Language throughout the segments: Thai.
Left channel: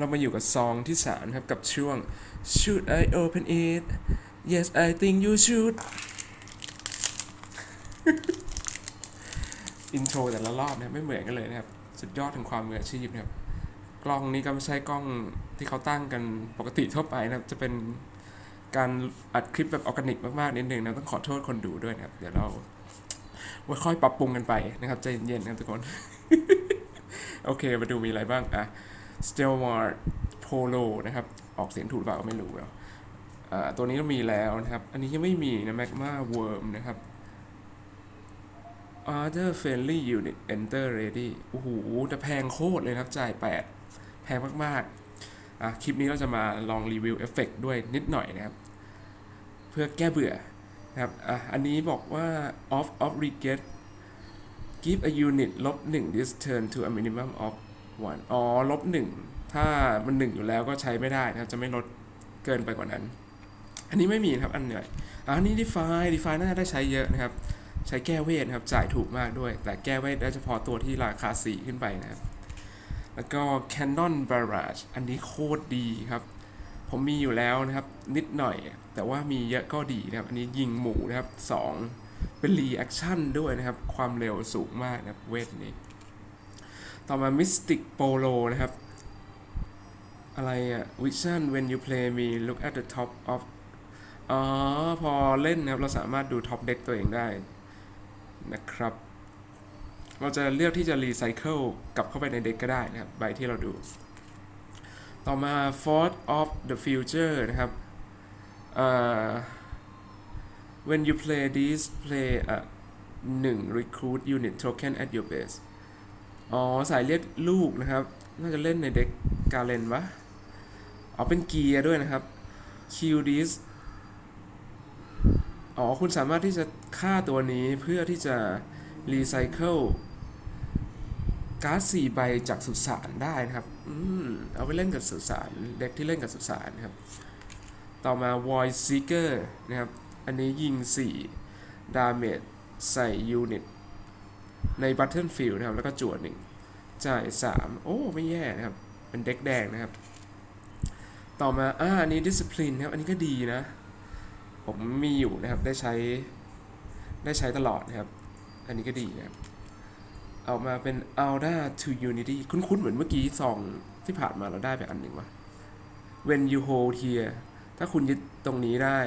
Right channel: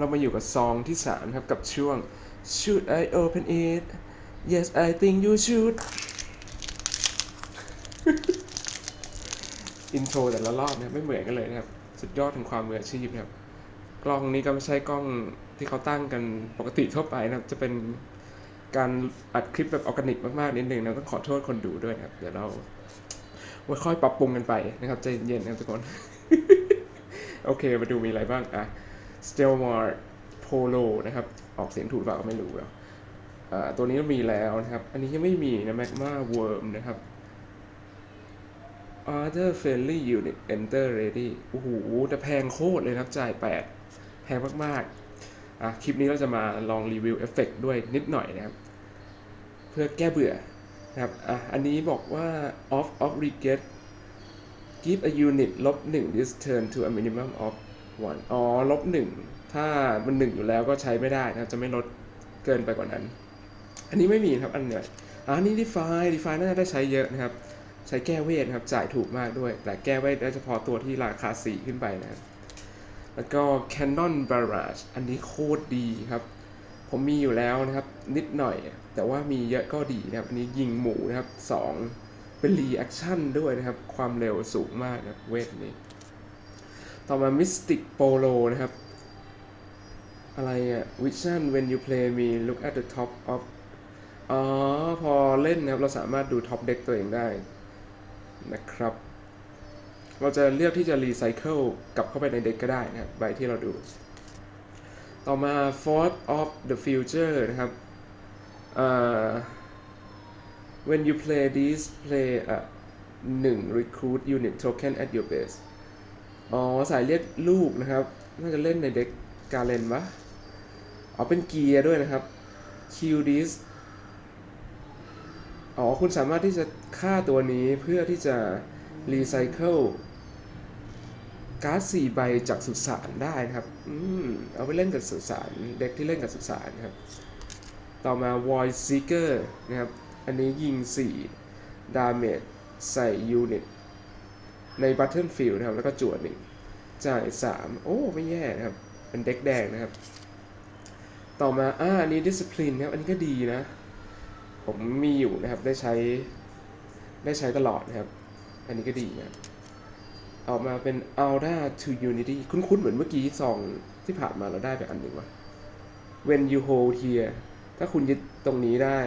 เรามาอยู่กับซองที่3ครับกับช่วง Should I open it Yes I think you should อินโทรแต่ละรอบนะครับไม่เหมือนกันเลยนะครับ สุดยอดถึงความมืออาชีพครับ กล้องนี้ก็ไม่ใช่กล้องที่เขาตั้งกันปกติทั่วไปนะครับ จะเป็นการอัดคลิปแบบออร์แกนิกมากๆนิดนึงนะต้องขอโทษคนดูด้วยนะครับ เดี๋ยวเราค่อยปรับปรุงกันไปนะครับใจเย็นๆนะทุกคน โอเค มาดูมีอะไรบ้างอะ s t e l m a r Polo นะครับ ออกเสียงถูกเปล่าไม่รู้อะอ่าตัวนี้มีแล้วนะครับ อันนี้ยังไม่มีนะ Magma Worm นะครับ Other Friendly Unit Enter Ready โอ้โหแต่แพงโคตรเลยครับ จ่าย 8 แพงมากๆอะคลิปนี้เราจะมาลองรีวิวเอฟเฟกด้วยนิดหน่อยนะครับ เพื่อแก้เบื่อนะครับอะอันนี้บอกว่า off of Regret give a unit ลบ1 this turn to a minimum of 1อ๋อ ลบ1ถ้ามัน1อยู่แล้วก็ใช้ไม่ได้นะครับ จะไม่ลดเกินไปกว่านั้น อันนี้ไม่มีครับ อันเนี้ยอะอันนี้ define define น่าจะได้ใช้เยอะนะครับ ใช้แก้เวทนะครับ จ่ายถูกมากด้วย แต่แก้เวทได้เฉพาะตัวที่ราคา 4 ขึ้นไปนะครับ แล้วก็ Canon Barrage อันนี้โคตรดีครับ ผมมีอยู่แล้วนะครับ นิดหน่อย แต่ว่ามีเยอะก็ดีนะครับ อันนี้ยิงหมูนะครับ 2 เป็นรีแอคชั่นด้วยนะครับ ความเร็วสูงมากนะครับเวทนี้ ต่อมา Mystic Polo นะครับ อะไรอะ Vision when you play me look at the top of อ๋อ พอเล่นนะครับ เราสามารถดูท็อปเด็กตัวเองได้นะครับ เราจะเลือกที่จะรีไซเคิลกลับเข้าไปในเด็กก็ได้นะครับ ใบที่เราดู ต่อมา Force of the Future นะครับ when you play this play a 1 recruit unit token at your base อ๋อสายเรียกลูกนะครับ น่าจะเล่นในเด็กกาเลนวะเอ๋อเป็นเกียร์ด้วยนะครับ kill this อ๋อคุณสามารถที่จะฆ่าตัวนี้เพื่อที่จะรีไซเคิลการ์ด4ใบจากสุสานได้นะครับ อืม เอาไปเล่นกับสุสาน เด็กที่เล่นกับสุสานนะครับ ต่อมา Void Seeker นะครับ อันนี้ยิง4 Damage ใส่ยูนิต ใน Battlefield นะครับ แล้วก็จวดหนึ่งจ่าย 3 โอ้ ไม่แย่นะครับ เป็นเด็กแดงนะครับ ต่อมา อ่า อันนี้ Discipline นะครับ อันนี้ก็ดีนะ ผมมีอยู่นะครับ ได้ใช้ ได้ใช้ตลอดนะครับ อันนี้ก็ดีนะครับออกมาเป็น Alda to Unity คุ้นๆ เหมือนเมื่อกี้ซองที่ผ่านมาเราได้ไปอันหนึ่งว่ะ When you hold here ถ้าคุณยึดตรงนี้ได้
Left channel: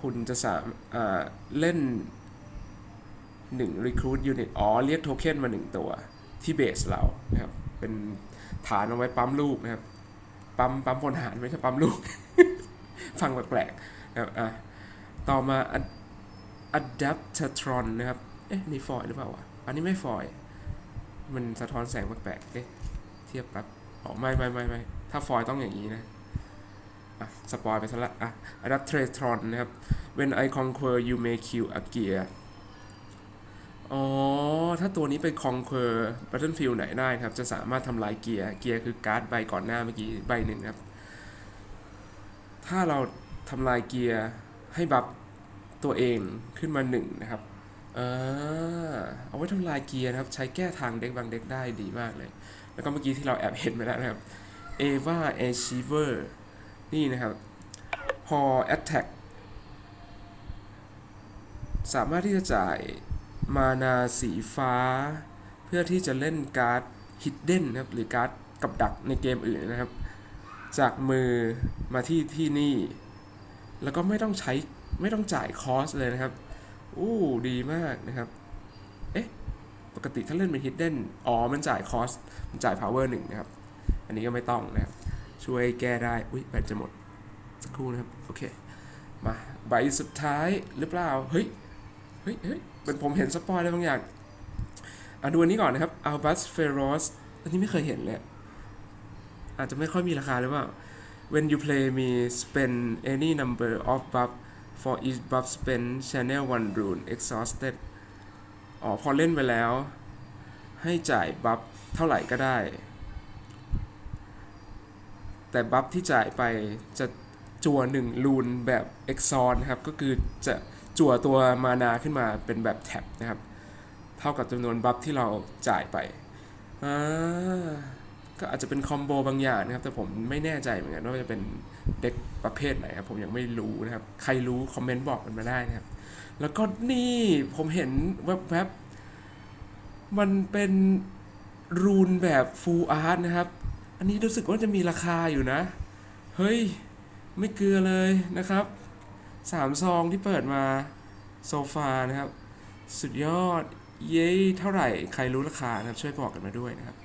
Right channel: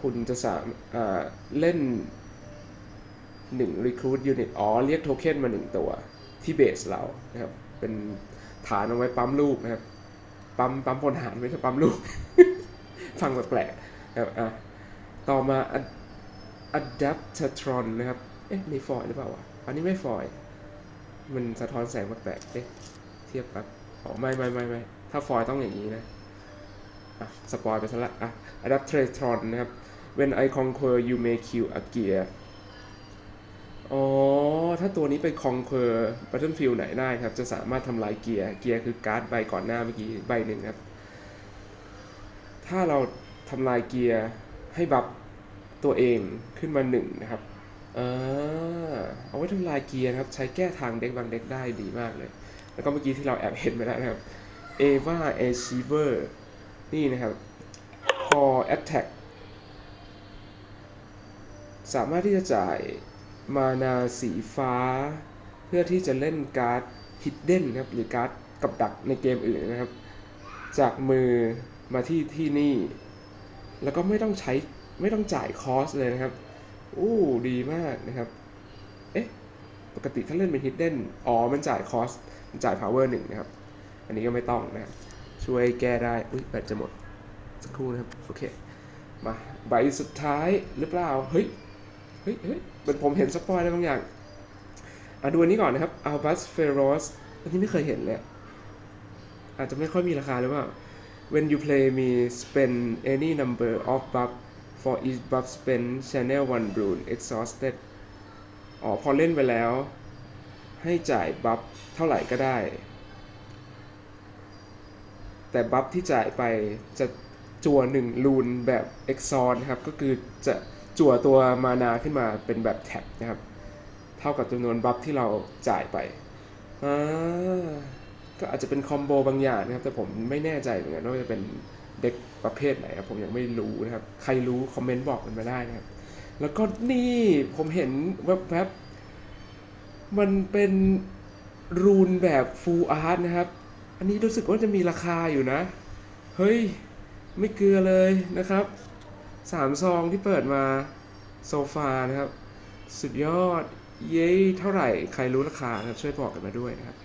คุณจะสามอ่าเล่น 1 recruit unit อ๋อ เรียกโทเค็นมา 1 ตัว ที่เบสเรานะครับ เป็นฐานเอาไว้ปั๊มลูกนะครับ ปั๊มปั๊มพลหารไม่ใช่ปั๊มลูก ฟังแปลกๆนะครับอะต่อมา adaptatron นะครับ เอ๊ะนี่ฟอยหรือเปล่าวะอันนี้ไม่ฟอย มันสะท้อนแสงแปลกๆเอ๊ะเทียบครับอ๋อไม่ไม่ไม่ไม่ถ้าฟอยต้องอย่างนี้นะอะสปอยไปซะละอะ Adaptatron นะครับ When I conquer you may kill a gear อ๋อ ถ้าตัวนี้ไป conquer battlefield ไหนได้ครับ จะสามารถทำลายเกียร์ เกียร์คือการ์ดใบก่อนหน้าเมื่อกี้ใบหนึ่งครับ ถ้าเราทำลายเกียร์ให้บัฟตัวเองขึ้นมาหนึ่งนะครับอ่าเอาไว้ทำลายเกียร์นะครับ ใช้แก้ทางเด็กบางเด็กได้ดีมากเลย แล้วก็เมื่อกี้ที่เราแอบเห็นไปแล้วนะครับ Ava Achiever นี่นะครับพอ attack สามารถที่จะจ่าย มานาสีฟ้า เพื่อที่จะเล่นการ์ด hidden นะครับหรือการ์ดกับดักในเกมอื่นนะครับ จากมือมาที่ที่นี่ แล้วก็ไม่ต้องใช้ไม่ต้องจ่ายคอสเลยนะครับอู้ดีมากนะครับ เอ๊ะ ปกติถ้าเล่นเป็น hidden อ๋อ มันจ่ายคอส มันจ่าย power หนึ่งนะครับ อันนี้ก็ไม่ต้องนะครับ ช่วยแก้ได้ อุ้ยแบตจะหมด สักครู่นะครับ โอเค มา ใบสุดท้ายหรือเปล่า เฮ้ย เฮ้ยเฮ้ยเป็นผมเห็นสปอยอะไรบางอย่างอะดูอันนี้ก่อนนะครับ Albus Feroz อันนี้ไม่เคยเห็นเลยอาจจะไม่ค่อยมีราคาหรือเปล่า When you play me spend any number of buff for each buff spend channel one rune exhausted อ๋อพอเล่นไปแล้ว ให้จ่ายบัฟเท่าไหร่ก็ได้ แต่บัฟที่จ่ายไปจะจั่วหนึ่งรูนแบบเอ็กซอนครับ ก็คือจะ จั่วตัวมานาขึ้นมาเป็นแบบแท็บนะครับ เท่ากับจำนวนบัฟที่เราจ่ายไปอ่าก็อาจจะเป็นคอมโบบางอย่างนะครับ แต่ผมไม่แน่ใจเหมือนกันว่าจะเป็นเด็กประเภทไหนครับผมยังไม่รู้นะครับ ใครรู้คอมเมนต์บอกกันมาได้นะครับ แล้วก็นี่ผมเห็นแวบๆมันเป็นรูนแบบฟูลอาร์ตนะครับ อันนี้รู้สึกว่าจะมีราคาอยู่นะ เฮ้ย ไม่เกลือเลยนะครับ สามซองที่เปิดมาโซฟานะครับ สุดยอดเย้เท่าไหร่ใครรู้ราคาครับช่วยบอกกันมาด้วยนะครับ